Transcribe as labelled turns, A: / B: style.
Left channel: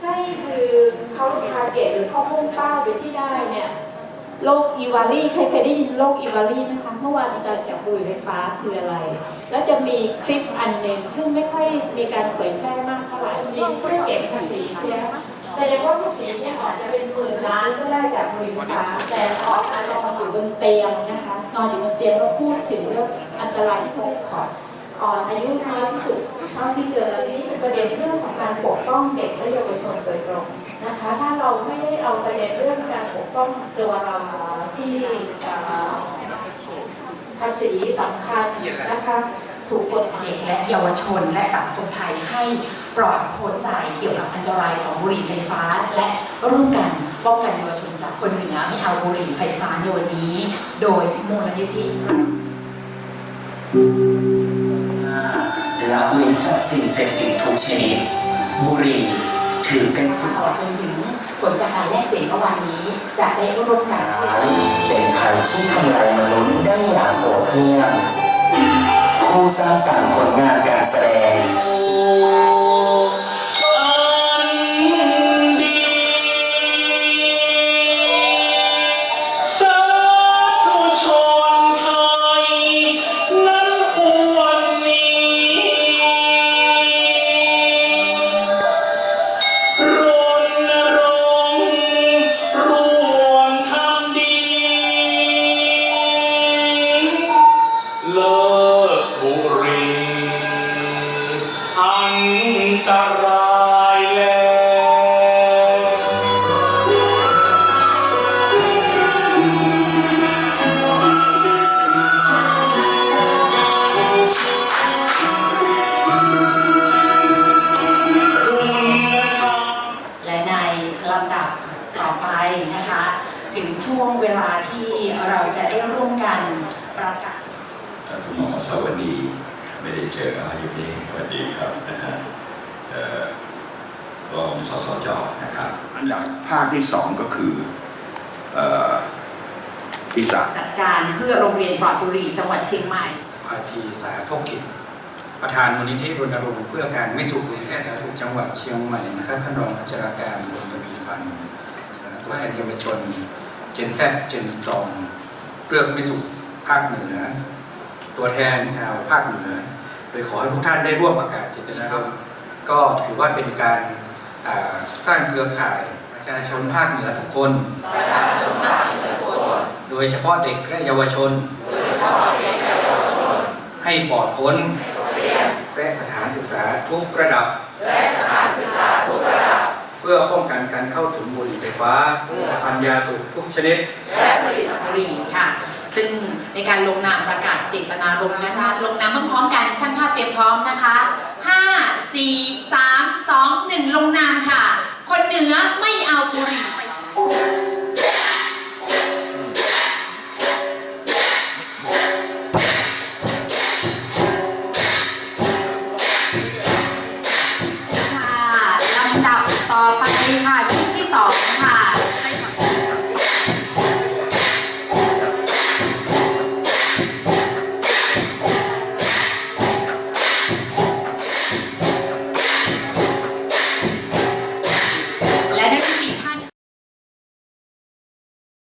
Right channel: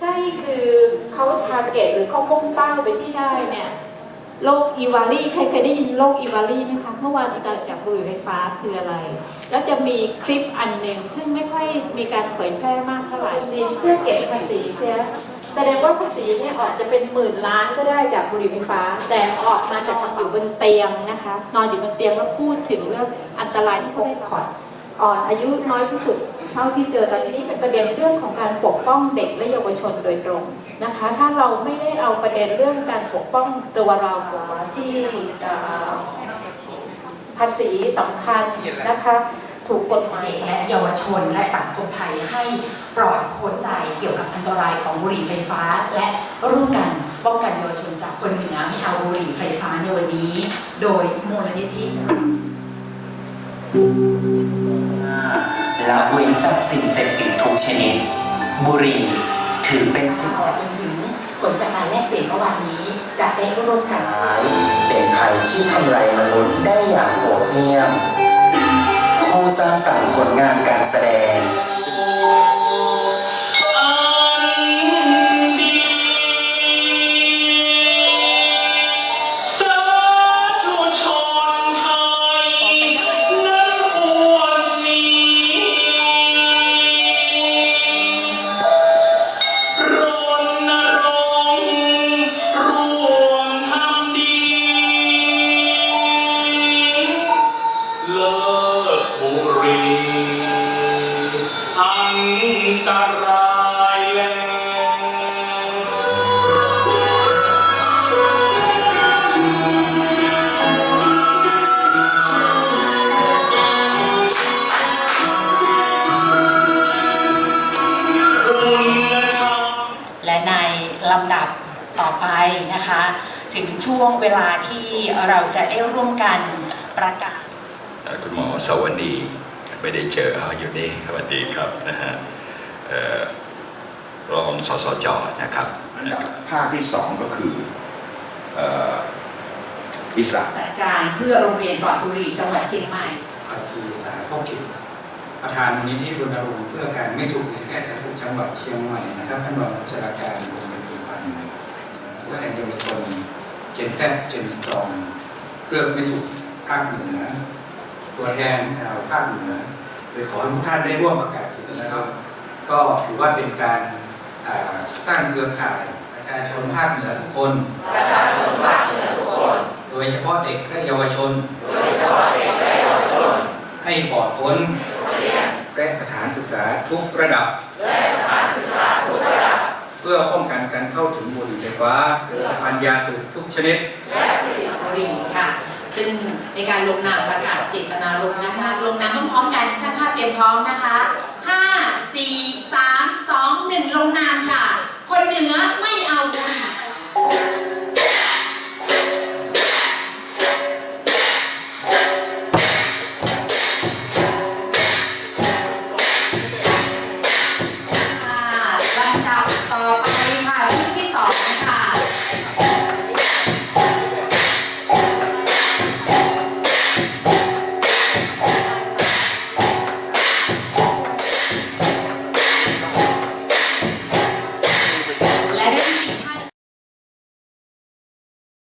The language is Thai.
A: ใช่คือเขาทาร์เก็ตหรือเขาพุ่งเป้าไปที่ได้เนี่ยโรคอีวารีใครเคยได้ยินโรคอีวารีไหมคะเมื่อวานอาจารย์จากบุหรี่ไฟฟ้าคืออะไร แล้วจะมีคลิปอันหนึ่งซึ่งไม่ค่อยมีการเผยแพร่มากเท่าไหร่นี่เพื่อเก็บภาษีเสียแสดงว่าภาษีเนี่ยอาจจะเป็นหมื่นล้านก็ได้จากบุหรี่ไฟฟ้า แต่ออกมานอนอยู่บนเตียงนะคะ นอนอยู่บนเตียงแล้วพูดถึงเรื่องอันตรายที่เขาได้ถอ อ่อนอายุน้อยที่สุดเท่าที่เจอตอนนี้เป็นประเด็นเรื่องของการปกป้องเด็กและเยาวชนโดยตรงนะคะ ถ้าเราไม่ได้เอาประเด็นเรื่องการปกป้องตัวเราที่ภาษีสำคัญนะคะถูกกฎหมาย
B: เด็กและเยาวชนและสังคมไทยให้ปลอดพ้นใจเกี่ยวกับอันตรายของบุหรี่ไฟฟ้า และร่วมกันป้องกันเยาวชนจากคนเหนือไม่เอาบุหรี่ไฟฟ้าในวันนี้ โดยมูลนิธิ
C: ละเว้นจากสิ่งเสพติดทุกชนิด บุหรี่ถือเป็น
B: ต
C: สิ่ง
B: ลอดจนถึงผลจากการแลกเปลี่ยนเมื่อวานนี้จะได้ร่วมกัน
C: เป็นภัยที่ทำลายมนุษย์ได้อย่างโหดเหี้ยมผู้สร้างสรรค์ผลงานการแสดง
D: บุหรี่อันตรายแล้ว
B: และในลำดับต่อไปนะคะ ถึงช่วงเวลาที่เราจะได้ร่วมกันประกาศ
E: เอ่อคุณหมอ สวัสดีไม่ได้เจออ๋ออยู่นี่สวัสดีครับนะฮะเอ่อรองสสจนะครับ
F: ภาคที่สองก็คือเอ่ออีสาน
B: จัดการเพื่อโรงเรียนปลอดบุหรี่จังหวัดเชียงใหม่
G: ภาคีสาธกิจประธานมูลนิธิรณรงค์เพื่อการไม่สูบบุหรี่แพทย์สาธารณสุขจังหวัดเชียงใหม่นะครับท่านรองผู้จัดการกรมยาพันธ์ตัวแทนเยาวชนเจนแซเจนสตองเรื่องไม่สูบภาคเหนือ ตัวแทนชาวภาคเหนือโดยขอให้ทุกท่านได้ร่วมประกาศกิจนะครับ ก็ถือว่าเป็นการอ่าสร้างเครือข่ายประชาชนภาคเหนือทุกคน โดยเฉพาะเด็กและเยาวชนให้ปลอดพ้นและสถานศึกษาทุกระดับ เพื่อป้องกันการเข้าถึงบุหรี่ไฟฟ้าปัญญาสูบทุกชนิด
B: สิงห์บุรีค่ะ ซึ่งในการลงนามประกาศเจตนารมณ์นะคะลงนามพร้อมๆกันช่างภาพเตรียมพร้อมนะคะ5 4